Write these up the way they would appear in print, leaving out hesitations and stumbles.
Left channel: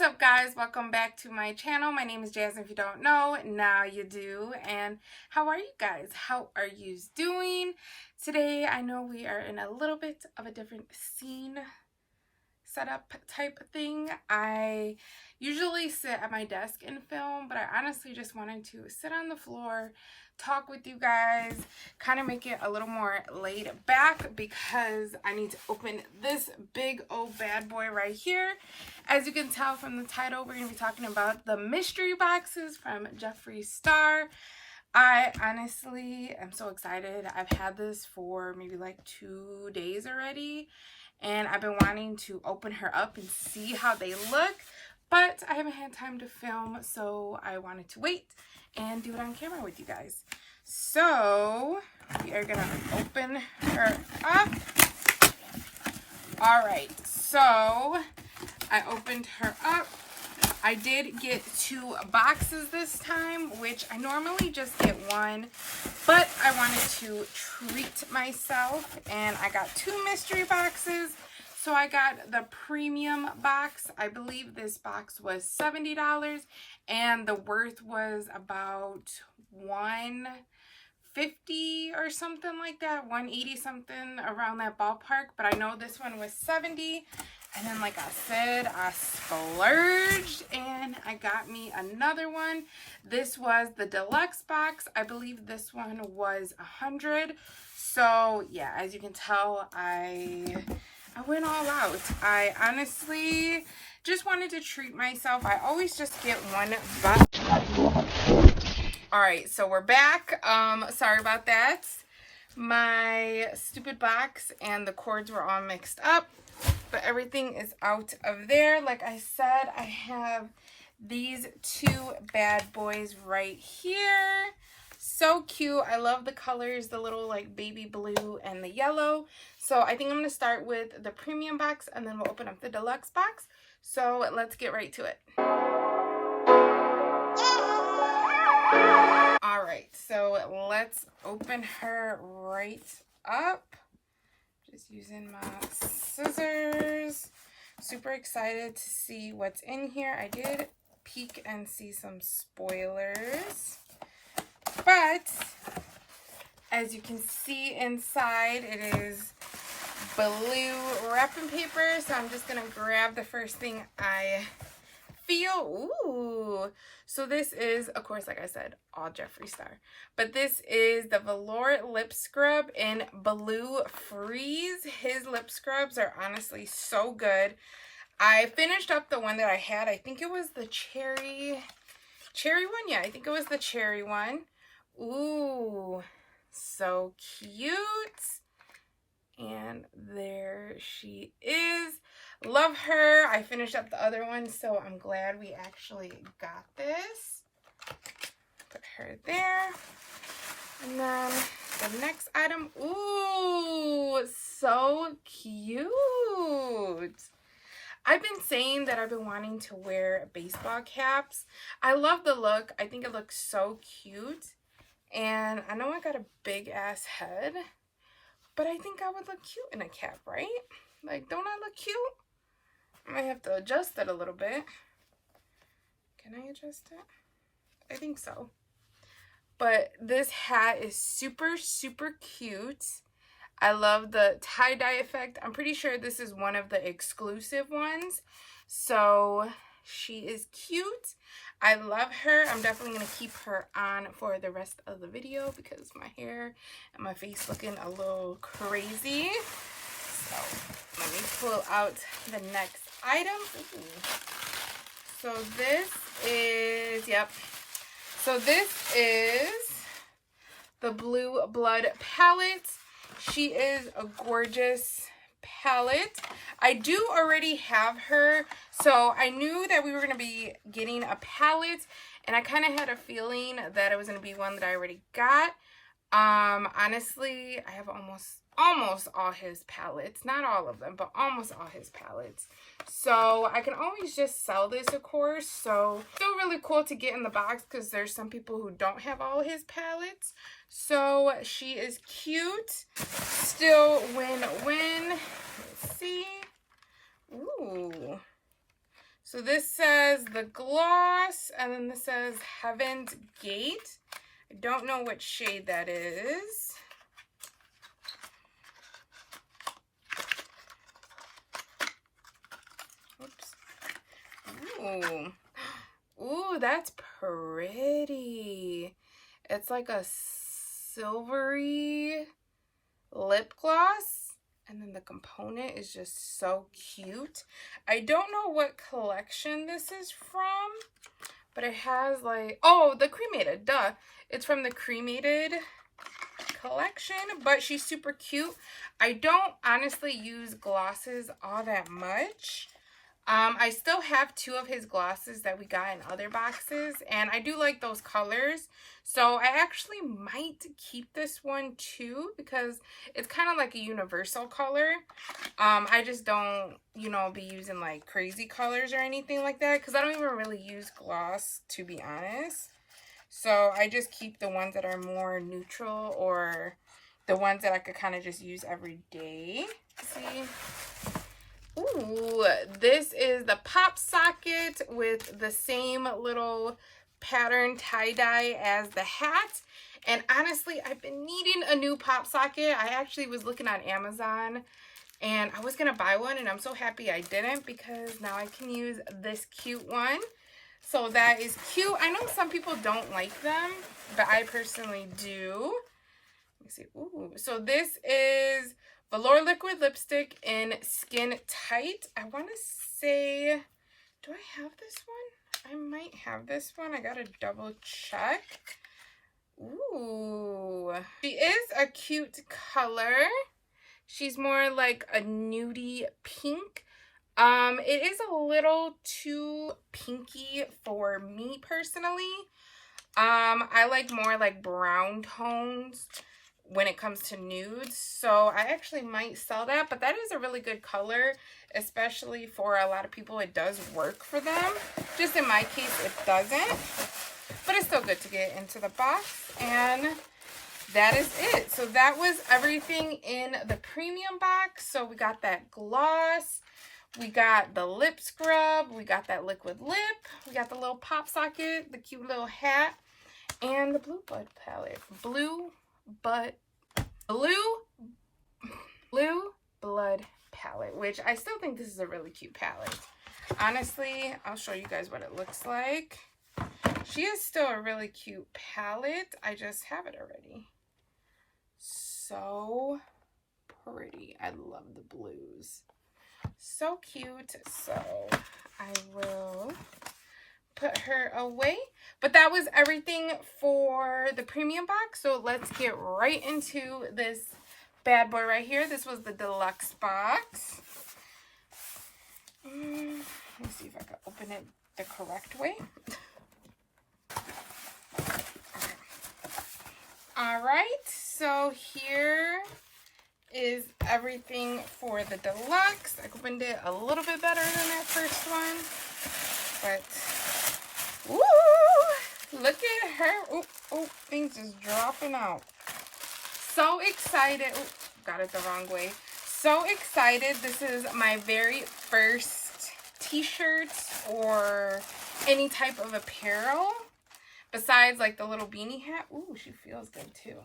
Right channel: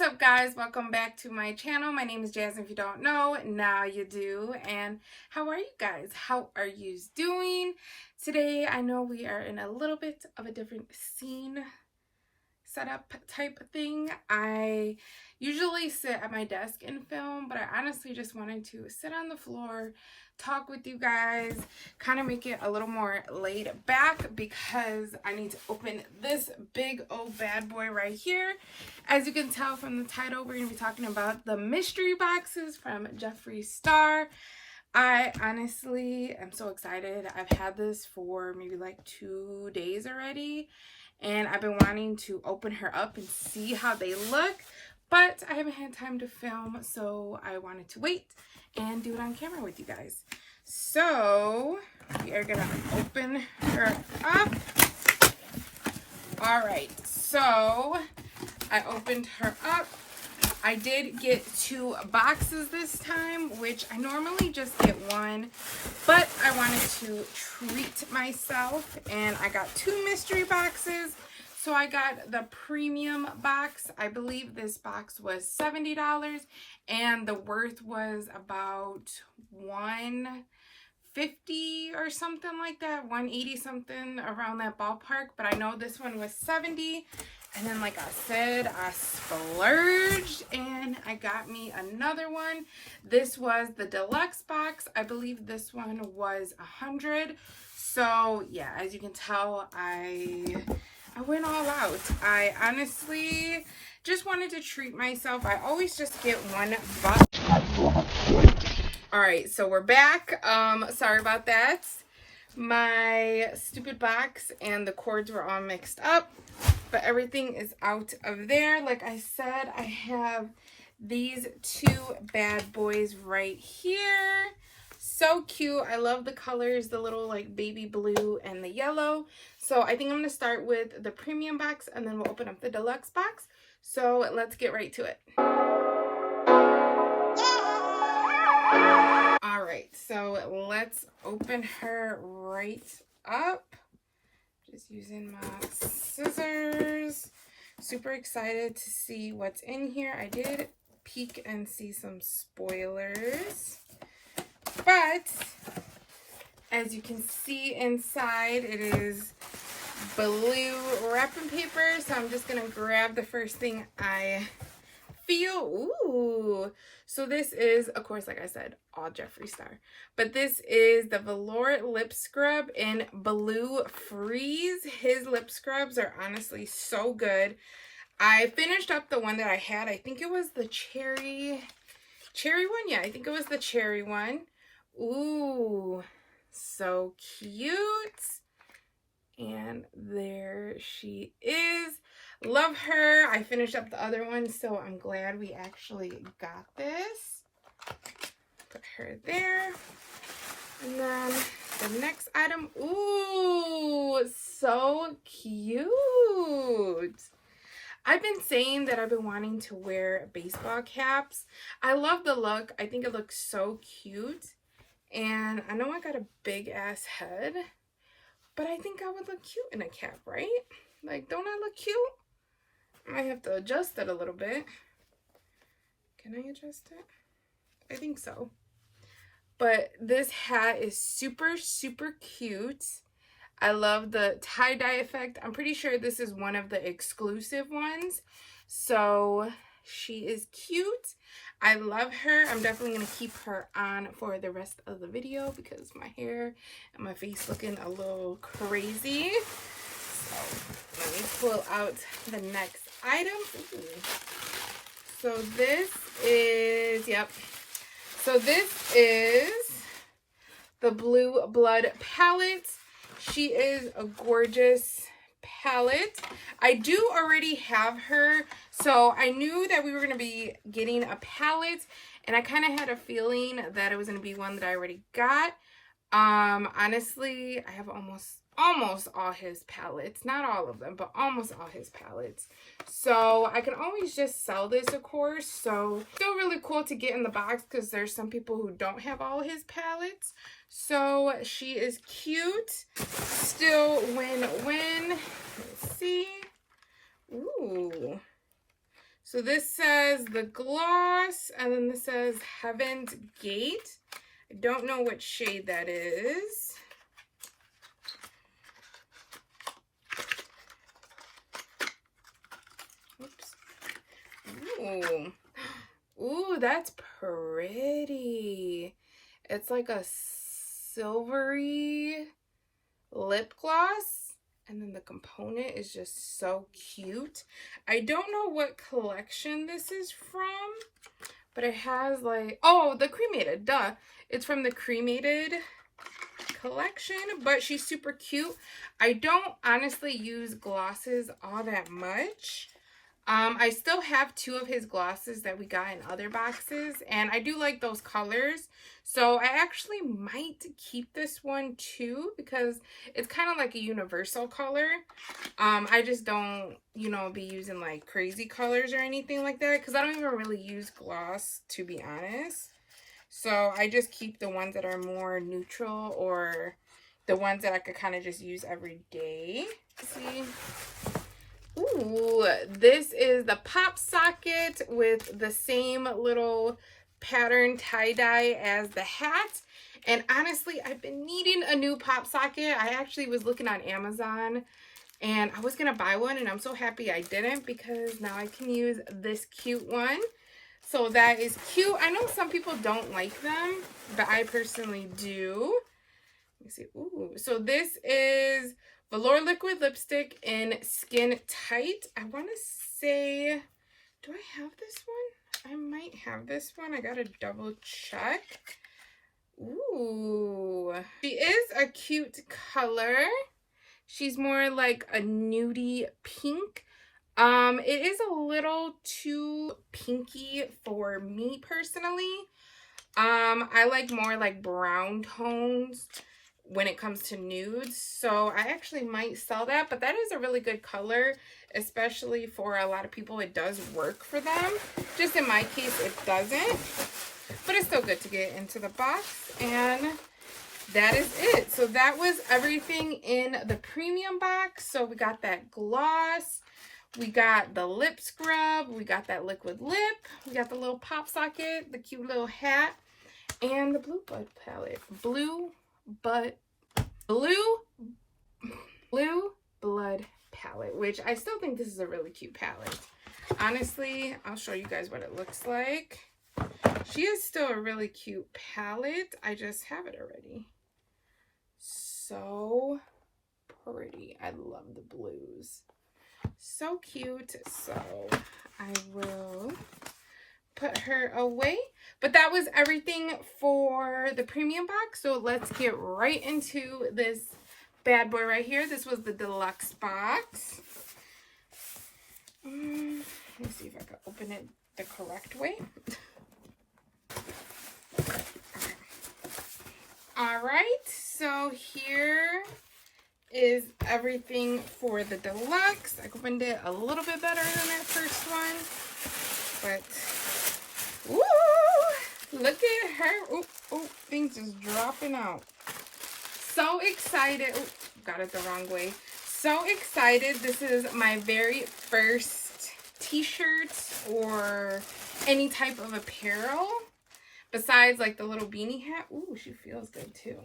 What's up, guys? Welcome back to my channel. My name is Jazz. If you don't know, now you do. And how are you guys? How are you doing? Today, I know we are in a little bit of a different scene setup type thing. I usually sit at my desk and film, but I honestly just wanted to sit on the floor, talk with you guys, kind of make it a little more laid back because I need to open this big old bad boy right here. As you can tell from the title, we're going to be talking about the mystery boxes from Jeffree Star. I honestly am so excited. I've had this for maybe like 2 days already, and I've been wanting to open her up and see how they look, but I haven't had time to film, so I wanted to wait and do it on camera with you guys. So we are gonna open her up. All right, so I opened her up. I did get 2 boxes this time, which I normally just get 1, but I wanted to treat myself and I got 2 mystery boxes. So I got the premium box. I believe this box was $70 and the worth was about $150 or something like that, $180 something, around that ballpark. But I know this one was $70. And then, like I said, I splurged and I got me another one. This was the deluxe box. I believe this one was $100. So yeah, as you can tell, I went all out. I honestly just wanted to treat myself. I always just get 1 box. All right, so we're back. Sorry about that. My stupid box and the cords were all mixed up, but everything is out of there. Like I said, I have these 2 bad boys right here. So cute. I love the colors, the little like baby blue and the yellow. So I think I'm going to start with the premium box and then we'll open up the deluxe box. So let's get right to it. All right, so let's open her right up. Just using my scissors. Super excited to see what's in here. I did peek and see some spoilers, but as you can see inside, it is blue wrapping paper. So I'm just gonna grab the first thing I feel. Ooh, so this is, of course, like I said, all Jeffree Star, but this is the Velour lip scrub in Blue Freeze. His lip scrubs are honestly so good. I finished up the one that I had. I think it was the cherry one. Yeah, I think it was the cherry one. Ooh, so cute. And there she is. Love her. I finished up the other one, so I'm glad we actually got this. Put her there. And then the next item. Ooh, so cute. I've been saying that I've been wanting to wear baseball caps. I love the look. I think it looks so cute. And I know I got a big ass head, but I think I would look cute in a cap, right? Like, don't I look cute? I might have to adjust it a little bit. Can I adjust it? I think so. But this hat is super, super cute. I love the tie-dye effect. I'm pretty sure this is one of the exclusive ones. So she is cute. I love her. I'm definitely going to keep her on for the rest of the video because my hair and my face looking a little crazy. So let me pull out the next item. Ooh. So this is, so this is the Blue Blood palette. She is a gorgeous palette. I do already have her, so I knew that we were going to be getting a palette, and I kind of had a feeling that it was going to be one that I already got. Honestly, I have almost all his palettes. Not all of them, but almost all his palettes. So I can always just sell this, of course. So still really cool to get in the box because there's some people who don't have all his palettes. So she is cute. Still win-win. Let's see. Ooh. So this says the gloss, and then this says Heaven's Gate. I don't know what shade that is. Oops. Ooh. Ooh, that's pretty. It's like a silvery lip gloss, and then the component is just so cute. I don't know what collection this is from, but it has like, oh, the Cremated, duh. It's from the Cremated collection, but she's super cute. I don't honestly use glosses all that much. I still have 2 of his glosses that we got in other boxes, and I do like those colors. So I actually might keep this one too, because it's kind of like a universal color. I just don't, you know, be using like crazy colors or anything like that, because I don't even really use gloss, to be honest. So I just keep the ones that are more neutral, or the ones that I could kind of just use every day. Let's see. Ooh, this is the pop socket with the same little pattern tie-dye as the hat. And honestly, I've been needing a new pop socket. I actually was looking on Amazon and I was gonna buy one, and I'm so happy I didn't, because now I can use this cute one. So that is cute. I know some people don't like them, but I personally do. Let me see. Ooh, so this is Velour liquid lipstick in Skin Tight. I want to say, do I have this one? I might have this one. I gotta double check. Ooh, she is a cute color. She's more like a nudie pink. It is a little too pinky for me personally. I like more like brown tones when it comes to nudes, so I actually might sell that, but that is a really good color, especially for a lot of people. It does work for them. Just in my case, it doesn't, but it's still good to get into the box, and that is it. So that was everything in the premium box. So we got that gloss, we got the lip scrub, we got that liquid lip, we got the little pop socket, the cute little hat, and the Blue Blood palette, which I still think this is a really cute palette. Honestly, I'll show you guys what it looks like. She is still a really cute palette. I just have it already. So pretty. I love the blues. So cute. So I will put her away. But that was everything for the premium box. So let's get right into this bad boy right here. This was the deluxe box. Let me see if I can open it the correct way. All right, so here is everything for the deluxe. I opened it a little bit better than that first one, but woo, look at her. Oh, things is dropping out. So excited. Ooh, got it the wrong way. So excited. This is my very first t-shirt or any type of apparel besides like the little beanie hat. Ooh, she feels good too.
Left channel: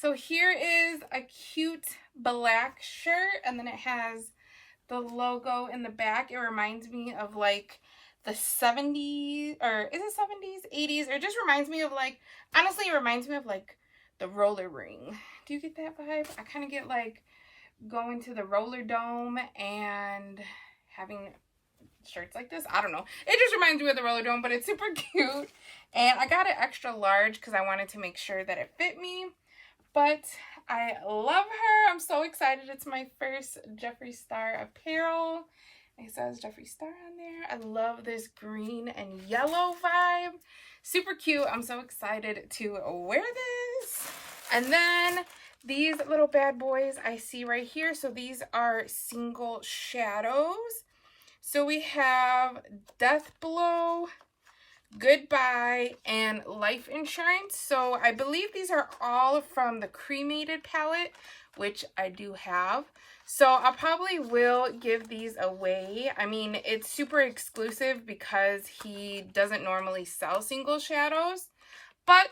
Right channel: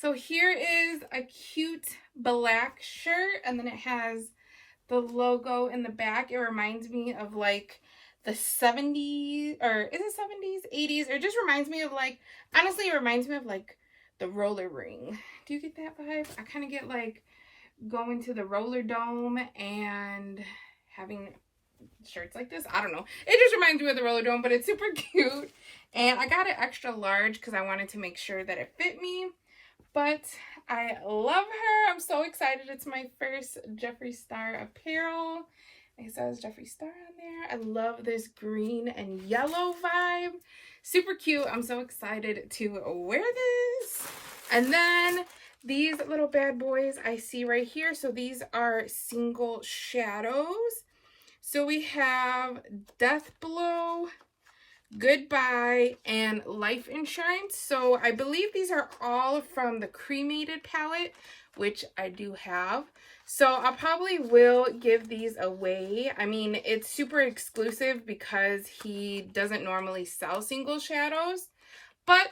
So here is a cute black shirt, and then it has the logo in the back. It reminds me of like the 70s, or is it 70s, 80s? It just reminds me of like, honestly, it reminds me of like the roller ring. Do you get that vibe? I kind of get like going to the roller dome and having shirts like this. I don't know. It just reminds me of the roller dome, but it's super cute. And I got it extra large because I wanted to make sure that it fit me. But I love her. I'm so excited. It's my first Jeffree Star apparel. It says Jeffree Star on there. I love this green and yellow vibe. Super cute. I'm so excited to wear this. And then these little bad boys I see right here. So these are single shadows. So we have Death Blow, Goodbye, and Life Insurance. So I believe these are all from the Cremated palette, which I do have. So I probably will give these away. I mean, it's super exclusive because he doesn't normally sell single shadows, but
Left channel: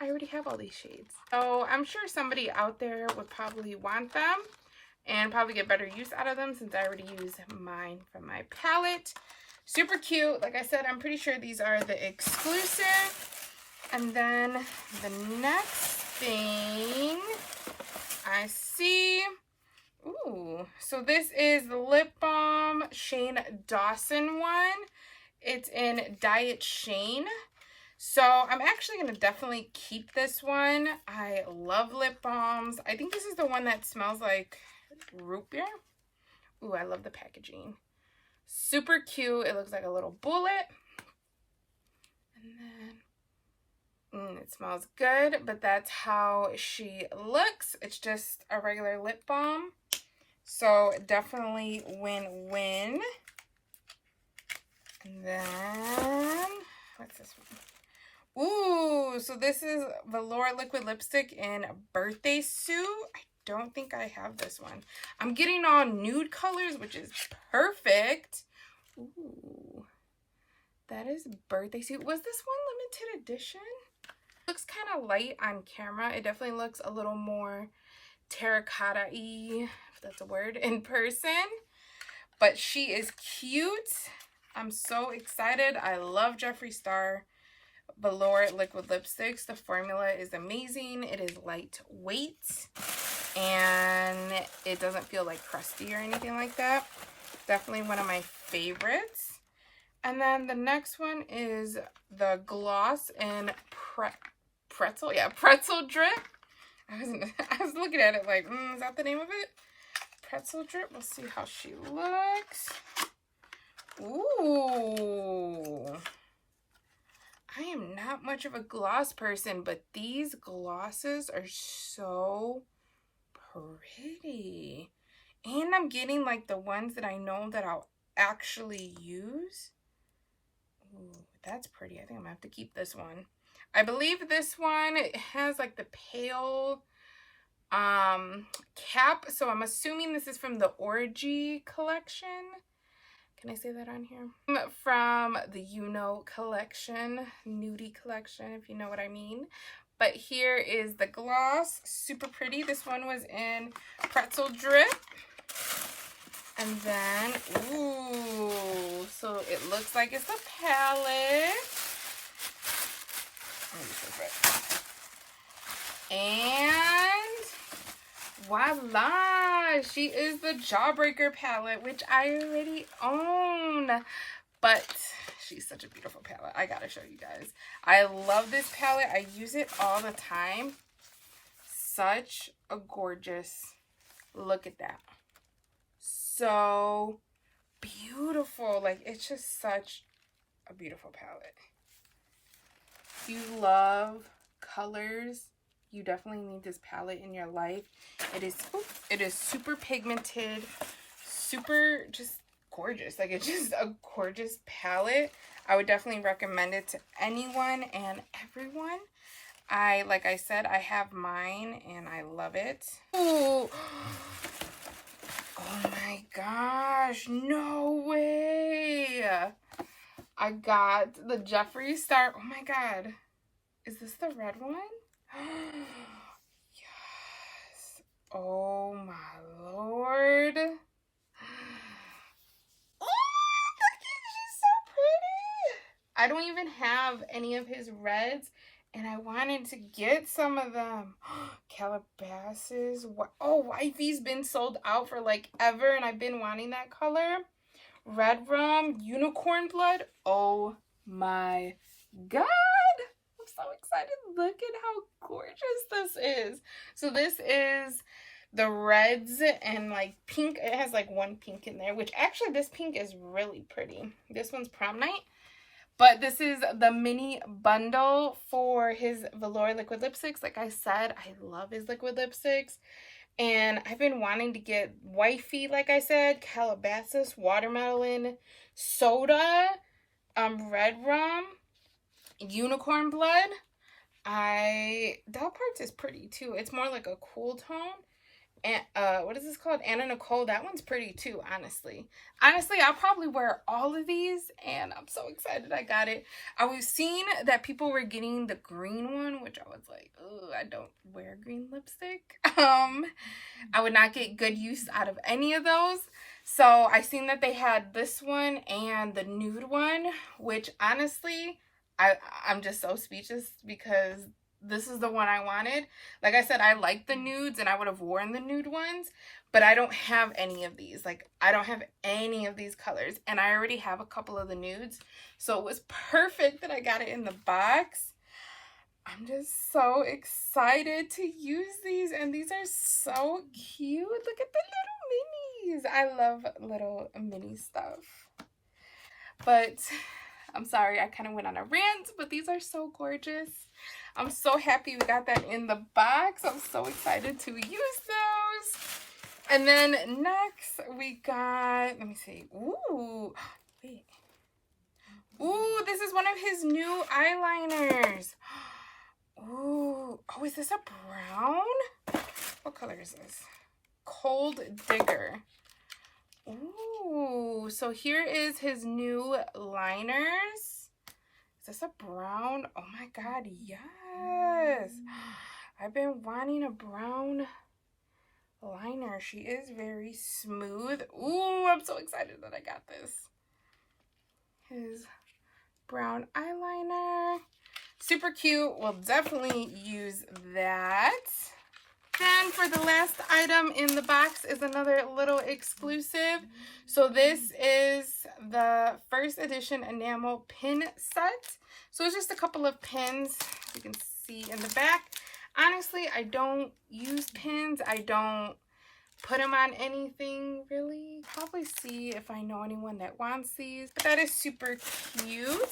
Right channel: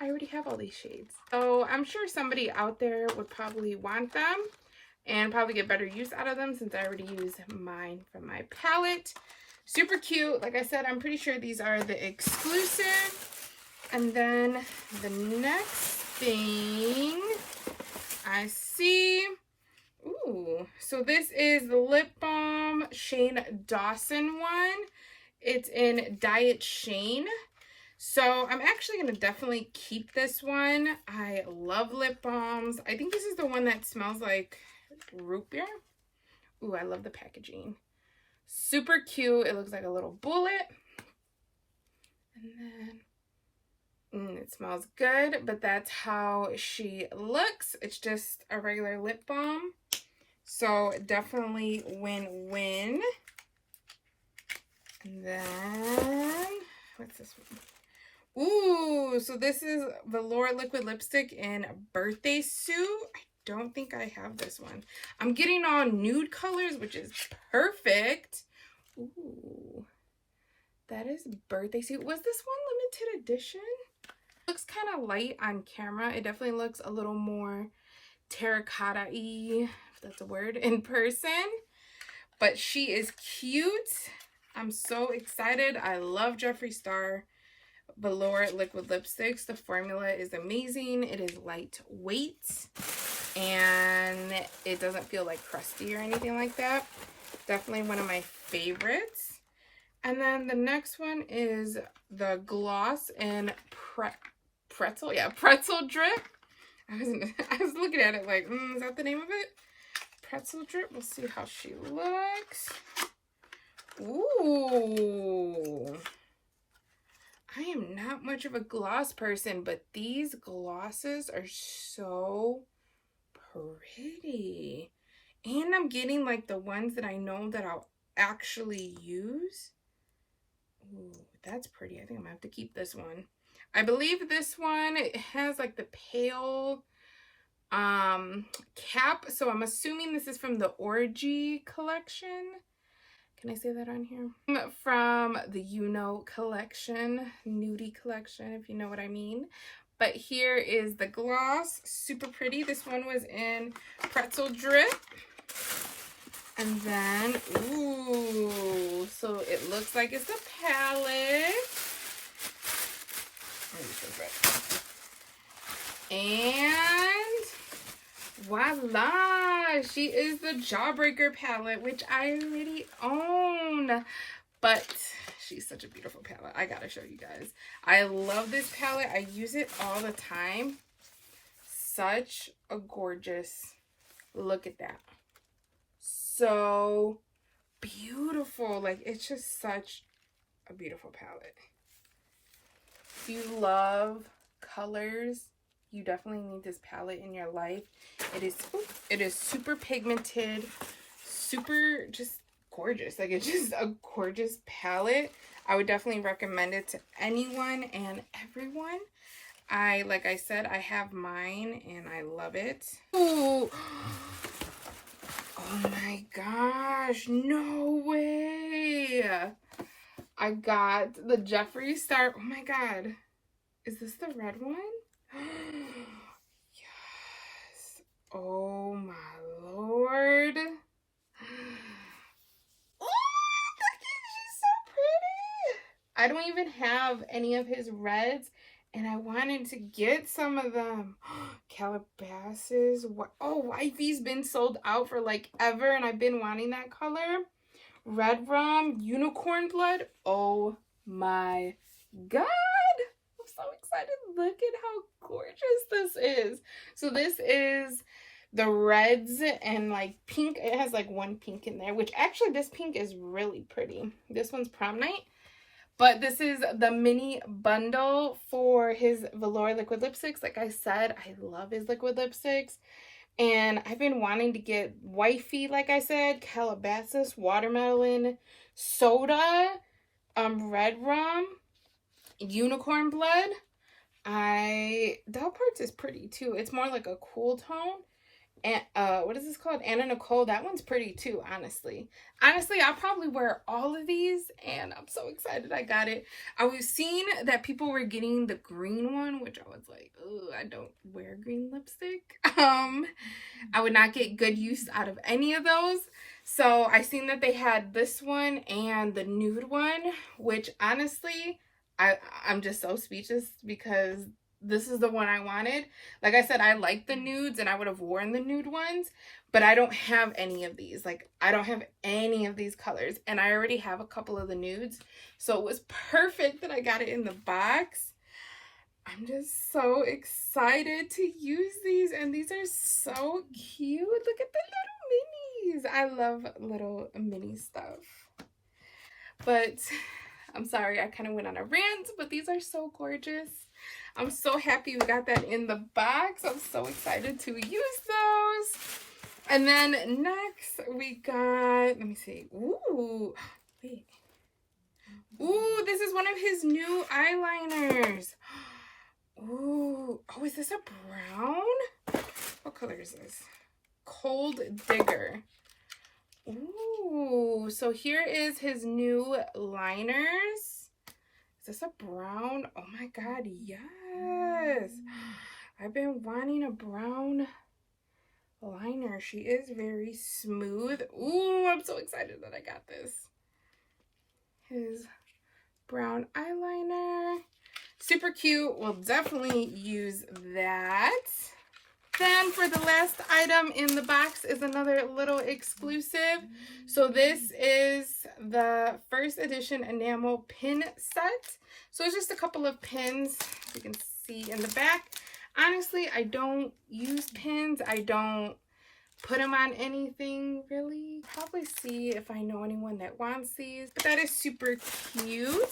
I already have all these shades. So I'm sure somebody out there would probably want them and probably get better use out of them since I already use mine from my palette. Super cute. Like I said, I'm pretty sure these are the exclusive. And then the next thing I see, ooh, so this is the Lip Balm Shane Dawson one. It's in Diet Shane. So I'm actually going to definitely keep this one. I love lip balms. I think this is the one that smells like root beer. Ooh, I love the packaging. Super cute. It looks like a little bullet. And then it smells good, but that's how she looks. It's just a regular lip balm. So definitely win-win. And then, what's this one? Ooh, so this is Velour liquid lipstick in Birthday Suit. I don't think I have this one. I'm getting all nude colors, which is perfect. Ooh, that is Birthday Suit. Was this one limited edition? Looks kind of light on camera. It definitely looks a little more terracotta-y, if that's a word, in person. But she is cute. I'm so excited. I love Jeffree Star Velour liquid lipsticks. The formula is amazing. It is lightweight and it doesn't feel like crusty or anything like that. Definitely one of my favorites. And then the next one is the gloss in pretzel. Yeah, pretzel drip. I was looking at it like, is that the name of it? Pretzel drip. We'll see how she looks. Ooh. I am not much of a gloss person, but these glosses are so pretty. And I'm getting like the ones that I know that I'll actually use. Ooh, that's pretty. I think I'm gonna have to keep this one. I believe this one, it has like the pale cap. So I'm assuming this is from the Orgy collection. Can I say that on here? From the collection, nudie collection, if you know what I mean. But here is the gloss, super pretty. This one was in pretzel drip. And then, ooh, so it looks like it's a palette. And voila, she is the Jawbreaker palette, which I already own, but she's such a beautiful palette. I gotta show you guys. I love this palette. I use it all the time. Such a gorgeous, look at that. So beautiful. Like, it's just such a beautiful palette. If you love colors, you definitely need this palette in your life. It is super pigmented, super just gorgeous. Like, it's just a gorgeous palette. I would definitely recommend it to anyone and everyone. Like I said, I have mine and I love it. Ooh. Oh my gosh, no way. I got the Jeffree Star. Oh my god. Is this the red one? Yes. Oh my lord. Oh, look at, she's so pretty. I don't even have any of his reds and I wanted to get some of them. Calabasas. Oh, Wifey's been sold out for like ever and I've been wanting that color. Red Rum, Unicorn Blood. Oh my god. I'm so excited. Look at how gorgeous this is. So this is the reds and like pink. It has like one pink in there, which actually this pink is really pretty. This one's Prom Night. But this is the mini bundle for his Velour liquid lipsticks. Like I said, I love his liquid lipsticks. And I've been wanting to get Wifey, like I said, Calabasas, Watermelon, Soda, Red Rum, Unicorn Blood. Doll Parts is pretty too. It's more like a cool tone. what is this called? Anna Nicole. That one's pretty too, honestly. Honestly, I'll probably wear all of these, and I'm so excited I got it. I was seeing that people were getting the green one, which I was like, oh, I don't wear green lipstick. I would not get good use out of any of those. So I seen that they had this one and the nude one, which honestly, I'm just so speechless because this is the one I wanted. Like I said, I like the nudes and I would have worn the nude ones, but I don't have any of these. Like, I don't have any of these colors, and I already have a couple of the nudes. So it was perfect that I got it in the box. I'm just so excited to use these, and these are so cute. Look at the little minis. I love little mini stuff. But I'm sorry, I kind of went on a rant, but these are so gorgeous. I'm so happy we got that in the box. I'm so excited to use those. And then next we got, let me see. Ooh, wait. Ooh, this is one of his new eyeliners. Ooh, oh, is this a brown? What color is this? Cold Digger. Ooh, so here is his new liners. Is this a brown? Oh my God, yes. I've been wanting a brown liner. She is very smooth. Ooh, I'm so excited that I got this. His brown eyeliner. Super cute. We'll definitely use that. Then for the last item in the box is another little exclusive. So this is the first edition enamel pin set. So it's just a couple of pins, as you can see in the back. Honestly, I don't use pins. I don't put them on anything really. Probably see if I know anyone that wants these. But that is super cute.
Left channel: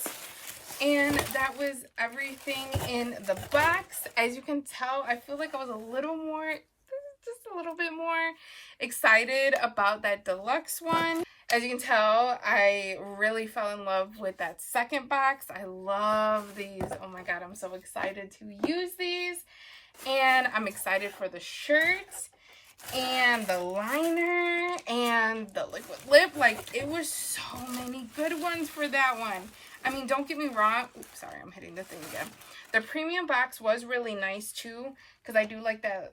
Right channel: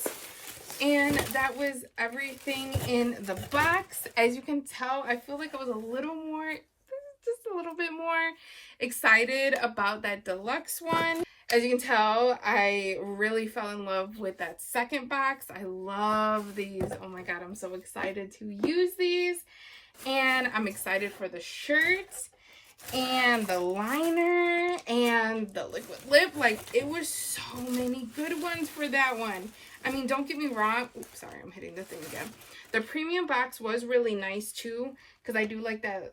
And that was everything in the box. As you can tell, I feel like I was a little more, just a little bit more excited about that deluxe one. As you can tell, I really fell in love with that second box. I love these. Oh my God, I'm so excited to use these. And I'm excited for the shirts and the liner and the liquid lip. Like, it was so many good ones for that one. I mean, don't get me wrong. Oops, sorry, I'm hitting the thing again. The premium box was really nice too, because I do like that,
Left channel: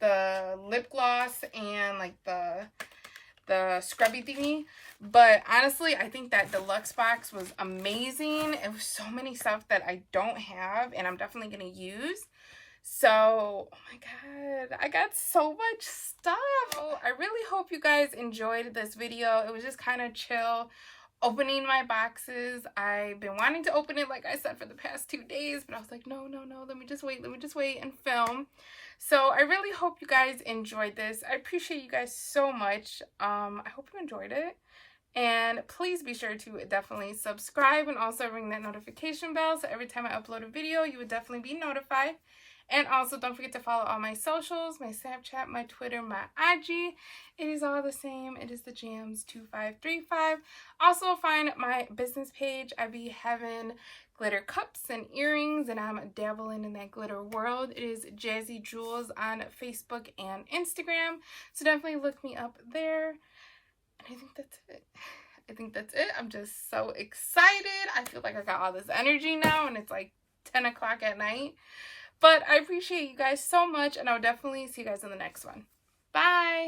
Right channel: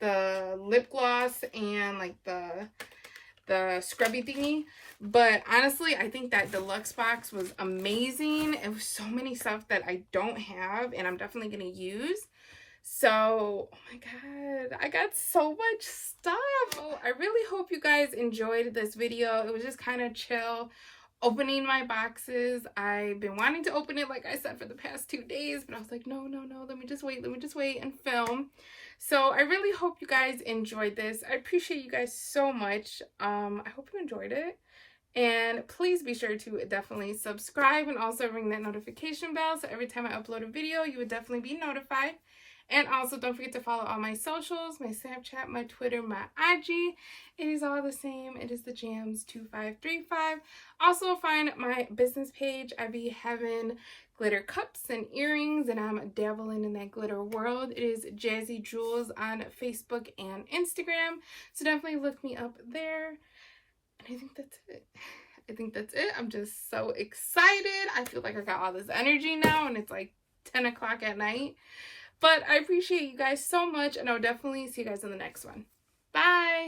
the lip gloss and like the scrubby thingy. But honestly, I think that deluxe box was amazing. It was so many stuff that I don't have and I'm definitely going to use. So, oh my God, I got so much stuff. I really hope you guys enjoyed this video. It was just kind of chill opening my boxes. I've been wanting to open it, like I said, for the past 2 days, but I was like, no, let me just wait and film. So I really hope you guys enjoyed this. I appreciate you guys so much. I hope you enjoyed it. And please be sure to definitely subscribe and also ring that notification bell, so every time I upload a video, you would definitely be notified. And also don't forget to follow all my socials, my Snapchat, my Twitter, my IG. It is all the same. It is the Jams2535. Also find my business page. I be having glitter cups and earrings, and I'm dabbling in that glitter world. It is Jazzy Jewels on Facebook and Instagram. So definitely look me up there. And I think that's it. I'm just so excited. I feel like I got all this energy now, and it's like 10 o'clock at night. But I appreciate you guys so much, and I'll definitely see you guys in the next one. Bye!